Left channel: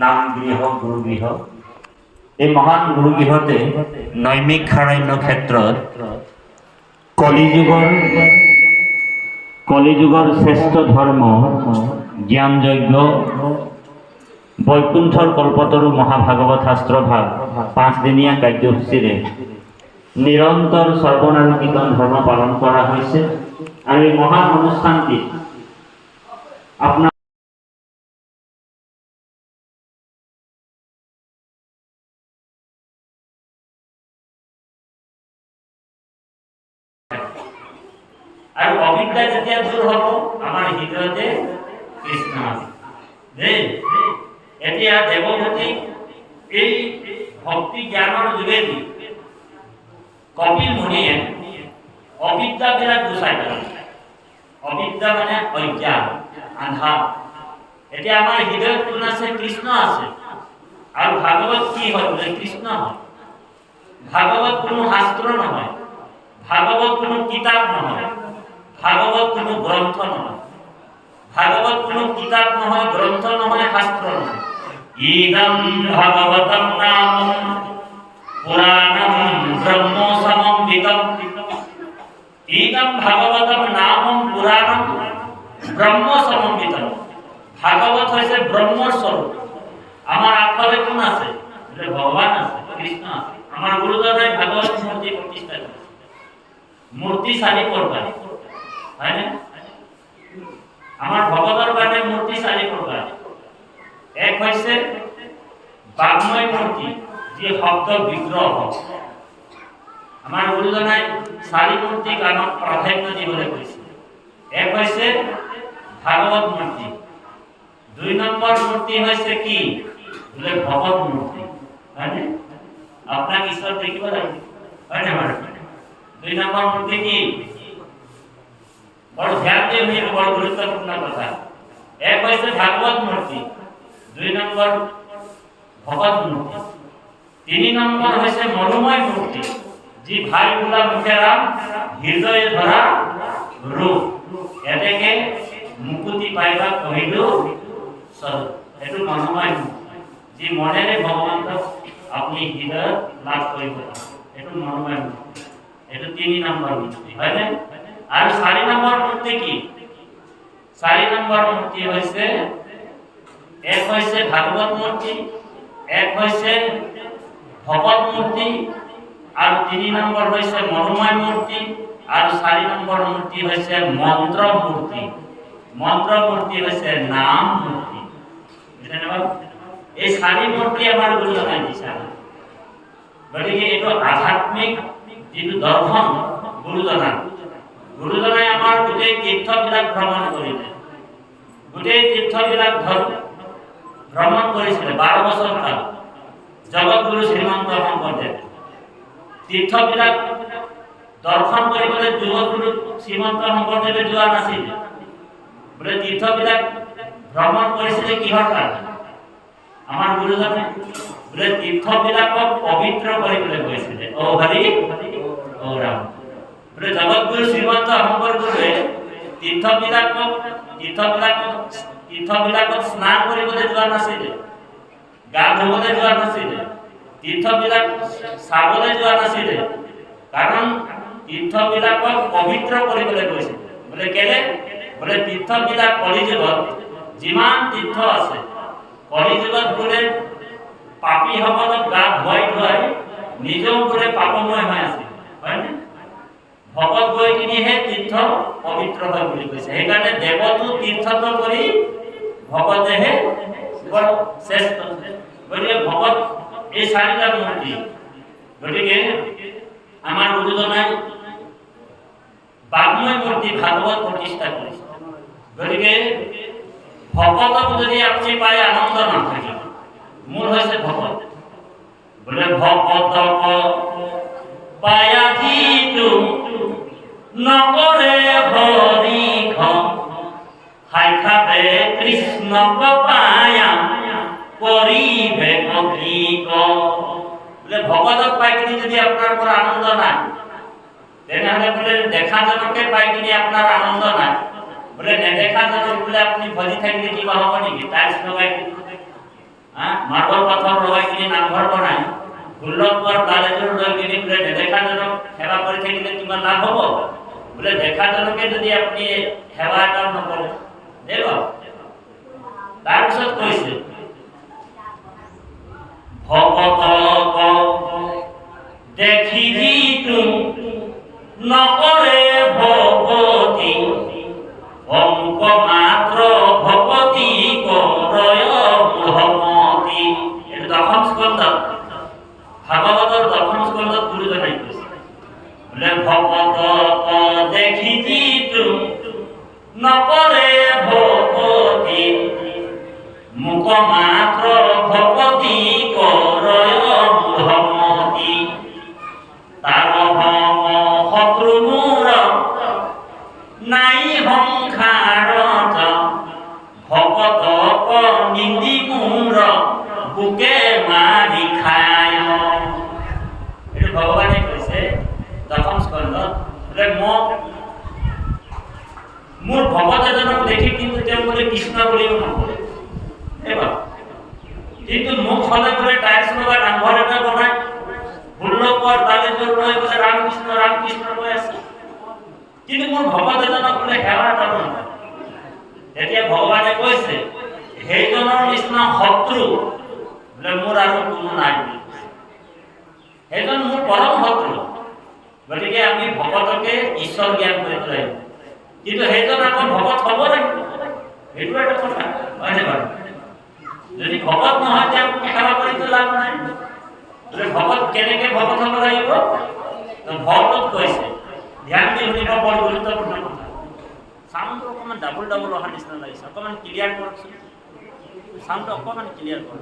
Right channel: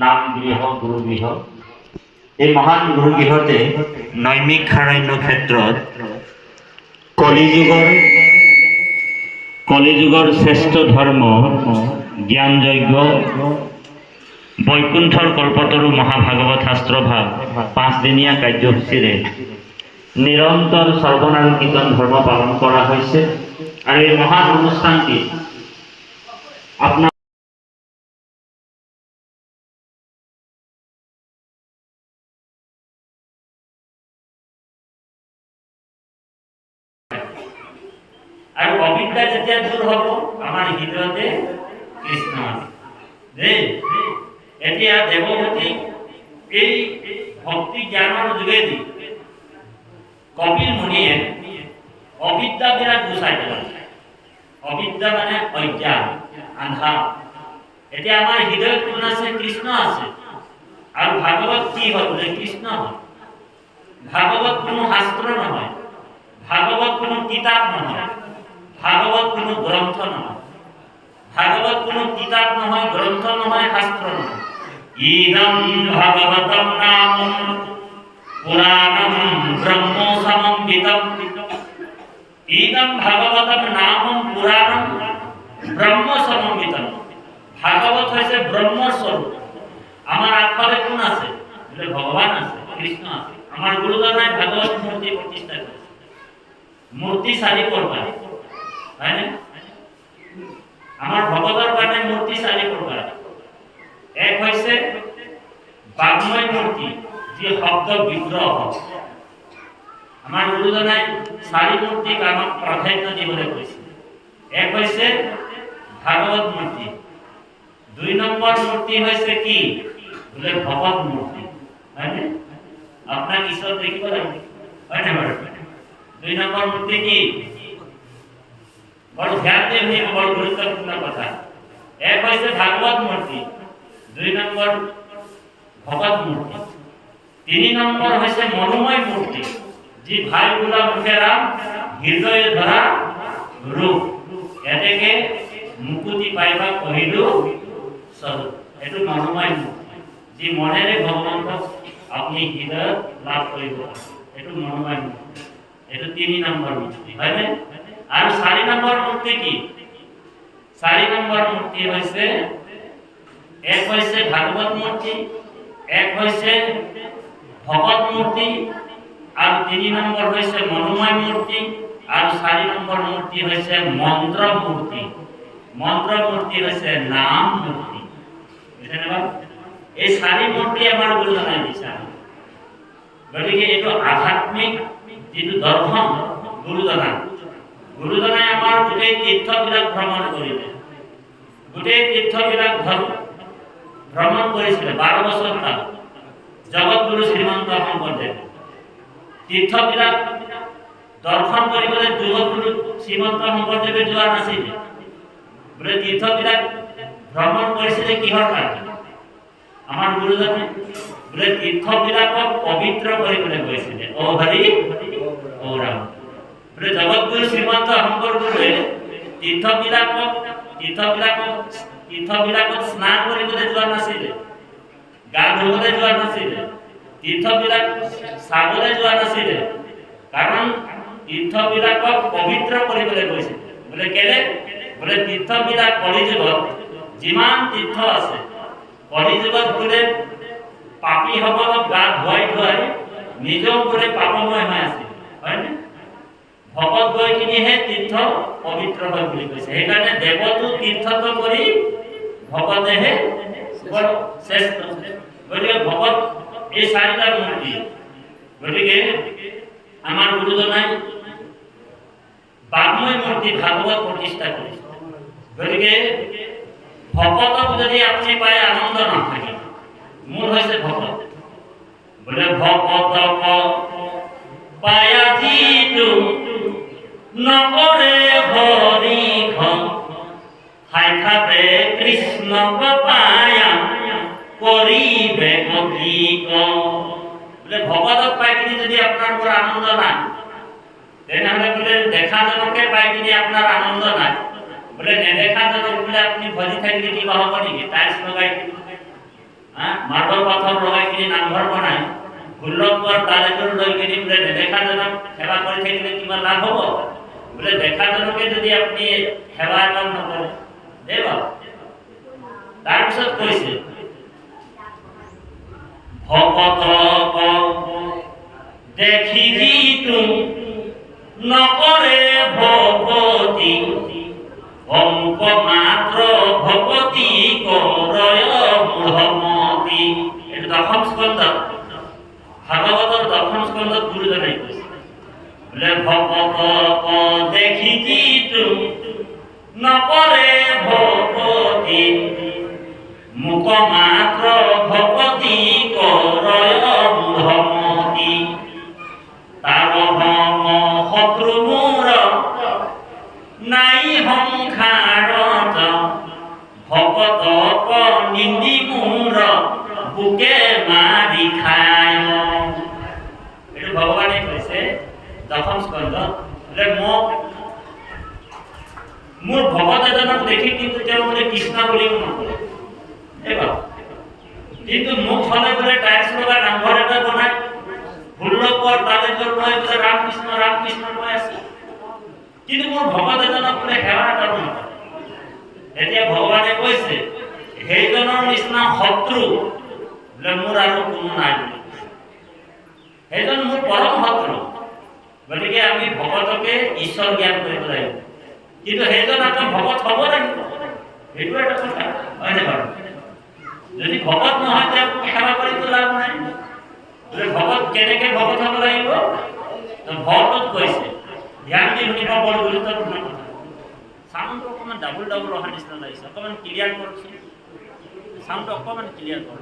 নাম গৃহ গুৰুগৃহ। এই মহান গুৰুগৃহতে নৈমিক সাৰণ্য ক্ষেত্ৰত কলিযুগৰ শ্ৰেষ্ঠ ধৰ্ম জ্ঞান যজ্ঞ বৈকুণ্ঠৰ কল্পতৰু মহাভাগৱত শাস্ত্ৰভাগ 5 দিনীয়া কাৰ্যসূচীৰে নিৰন্তৰ শ্ৰৱণ আৰু কীৰ্তন ধৰ্ম পালন কৰা হৈছে। আৰু এই মহান অনুষ্ঠানটি আপোনাৰ আৰু অবিদ্যা যেতিয়া দূৰ হ'ব আমাৰ হৃদয়তে কৃষ্ণ আছে। এতিয়া দেৱভূতি এই ভক্তি জ্ঞানৰ যোগেদি কপিল মুনিয়ে অবিদ্যাবিলাক গুচাই পেলালে। অবিদ্যা মানে অজ্ঞান, আন্ধাৰ। এতিয়া আমাৰ হৃদয়ত কোন আছে? কৃষ্ণ আছে। আৰু ভাগৱত কি হয় বোলে? কৃষ্ণ হয়। ভাগৱত কোনো শাস্ত্ৰ নহয়, ভাগৱত কোনো কিতাপ নহয়, ভাগৱত কোনো গ্ৰন্থ নহয়, ভাগৱত কোনো কিতাপ নহয়, গ্ৰন্থ নহয়, শাস্ত্ৰ নহয়। ইদম ভাগৱতম নামম পুৰাণম ব্ৰহ্ম সমন্বিতম। ইদম ভাগৱতম নামম পুৰাণম ব্ৰহ্ম সমন্বিতম। ভাগৱত হৈছে ব্ৰহ্মৰ স্বৰূপ। আমাৰ আগফালে কোন আছে? বোলে ভগৱান আছে, কৃষ্ণ আছে। আমাৰ গুৰুজনাই ভাগৱত মূৰ্তি প্ৰতিষ্ঠা কৰিছে। মূৰ্তি 4 প্ৰকাৰ, হয়নে? আমাৰ ভগৱতৰ কাৰণে মূৰ্তি 4 প্ৰকাৰ। এক হৈছে বাগ্ময় মূৰ্তি, যি শব্দ বিগ্ৰহ। আমাৰ গুৰুজনাই 4 মূৰ্তিক আমাক প্ৰাধান্য দিবলৈ কৈছে। এক হৈছে ভাগৱত মূৰ্তি। 2 নম্বৰ মূৰ্তি হৈছে কি? বোলে ভগৱত মূৰ্তি, হয়নে? আপোনাক ঈশ্বৰ দেখিব লাগিব, হয়নে বাৰু? 2 নম্বৰ মূৰ্তি কি? বড় ধ্যান দিয়ে শুনিব, বড় গুৰুত্বপূৰ্ণ কথা। এক হয়েছে ভাগবত মূর্তি, 2 নম্বর ভগবত মূর্তি, 3 নম্বর হয়েছে মনোময় মূর্তি, যে ভাইগুলা মুখেরা হৃদয়ে ধরা রূপ। এটাকে মুকুতি পাইবা কহিলু স্বরূপ। এটু মনোময় মূর্তি, যে মনেরে ভগবন্ত আপনি হৃদয় লাভ করিব, এটু মনোময় মূর্তি। এটু 3 নম্বর মূর্তি, হয় না? আর 4 নম্বর মূর্তি কি? 4 নম্বর মূর্তি হইছে, এক হইছে ভাগবত মূর্তি, এক হইছে ভগবত মূর্তি, আর 3 নম্বর হইছে মনোময় মূর্তি, আর 4 নম্বর মূর্তি হইছে মন্ত্র মূর্তি। মন্ত্র মূর্তি হইছে নাম মূর্তি। বুঝলেন বাবা? এই 4 মূর্তি আমার গুরুজনাই দিছে। গতিকে এটো আধ্যাত্মিক যেটো দর্শন গুরুজনা, গুৰুজনাই আমাৰ গোটেই তীৰ্থবিলাক ভ্ৰমণ কৰিলে। গোটেই তীৰ্থবিলাক ভ্ৰমণ কৰিছিলে 12 বছৰ কাল। জগতগুৰু শ্ৰীমন্ত শংকৰদেৱ তীৰ্থবিলাক দৰ্শন কৰিবলৈ জগতগুৰু শ্ৰীমন্ত শংকৰদেৱে যোৱা নাছিল। বোলে তীৰ্থবিলাক ভ্ৰমণ কৰিছিলে কিহৰ কাৰণে? আমাৰ গুৰুজনে বোলে তীৰ্থবিলাকক পবিত্ৰ কৰিবলৈ গৈছিলে। ও হৰি ও ৰাম। বোলে জগতগুৰু শ্ৰীমন্ত শংকৰদেৱে তীৰ্থবিলাকত স্নান কৰিবলৈ যোৱা নাছিলে, গা ধুবলৈ যোৱা নাছিলে, তীৰ্থবিলাক চাবলৈ যোৱা নাছিলে। কাৰণ তীৰ্থবিলাকক পবিত্ৰ কৰিবলৈ গৈছিলে। বোলে কেলে? বোলে তীৰ্থবিলাক কলিযুগত যিমান তীৰ্থ আছে, কলিযুগত বোলে পাপীসকলক গা ধুৱাই ধুৱাই নিজেও বোলে পাপময় হৈ আছিল, হয়নে? ভকত গৈ কিনিহে তীৰ্থ পবিত্ৰ হয় বুলি কৈছে। সেইকাৰণে দেৱতো তীৰ্থত কৰি ভকতেহে বৰ শ্ৰেষ্ঠ। গতিকে ভকত এই 4টা মূৰ্তি। গতিকে আমাৰ গুৰুজনাই বাগ্ময় মূৰ্তি ভাগৱত প্ৰতিষ্ঠা কৰিছে। গতিকে ভকতক যদি আপুনি পায় আনন্দ নাথাকে। মূল হৈছে ভকত। বোলে ভকতক পায়া যিটো নকৰে হৰি সাক্ষাতে কৃষ্ণক পায়া কৰিবে কি ক। বোলে ভকতক পাই কিনি যদি আপোনাৰ পৰা আনন্দ নাই, তেনেহ'লে বোলে দেখাজনকে পাই কিনি আপোনাৰ আনন্দ নাই, বোলে নেদেখাজনক বোলে আপুনি ভজি থাকিলে কিবা হ'ব নেকি? টাইলছ লগাই মাৰ্বৰ পাথৰ লগাই কিনি নামঘৰ বনায়, ষোল্লপুৱাৰ তাল এযোৰ লৈ কিনি বোলে নেদেখাজনক সেৱা কৰি থাকিলে কিমান লাভ হ'ব? বোলে দেখাজনকে যদি আপুনি সেৱা এটাও নকৰে, দেই বাৰু। তাৰপিছত কৈছে ভকতক দেখিবি তুম নকৰে ভকতি, অমুক মাত্ৰ ভকতি কৰয় মূঢ়মতি। এইটো দশম স্কন্ধত, ভাগৱতৰ দশম স্কন্ধত গুৰুজনাই কৈছে বোলে ভকতক দেখিবি তুম নকৰে ভকতি, মুখ মাত্ৰ ভকতি কৰয় মূঢ়মতি। তাৰ হম শত্ৰু মূৰ নাই সংসাৰত, ভকতক নিন্দি মূৰ বুকে মাৰি খায়। এইটো ভগৱানে কৈছে দশম স্কন্ধত। বোলে মোৰ ভকত এজনক দেখি কিন্তু তেওঁ বোলে কৃষ্ণ বুলিও নকৰে, কিন্তু মোক হলে বোলে টাইলছ লগা নামঘৰ এটা বনাই ষোল্লপুৱাৰ তাল এযোৰ লৈ বোলে ৰামকৃষ্ণ ৰামকৃষ্ণ কৈ আছে, কিন্তু মোৰ ভকত এজনক বোলে সেৱা এটা নকৰে। এতিয়া ভগৱানে কৈছে সেইজনৰ নিচিনা শত্ৰু বোলে মোৰ আৰু কোনো নাই বুলি। সেইজন মোৰ পৰম শত্ৰু, গতিকে আমি ভকতকে ঈশ্বৰ জ্ঞান কৰিব লাগিব, কিন্তু সেইজন আকৌ ভকত হ'ব লাগিব, সেইটো এটা কথা, হয়নে বাৰু? যদি ভকত নহয় তেওঁক সেৱা কৰিতো লাভ নাই। বোলে ভকত কেনেকে ভকত হ'ব লাগিব? ভকতক কৈছে, ধ্যান দি শুনিব, বৰ গুৰুত্বপূৰ্ণ কথা। চাউণ্ডটো অকণমান ডাবুল ডাবুল অহা নিচিনা লাগিছে, অকণমান ক্লিয়াৰ কৰকচোন, চাউণ্ডটো অকণমান ক্লিয়াৰ কৰক।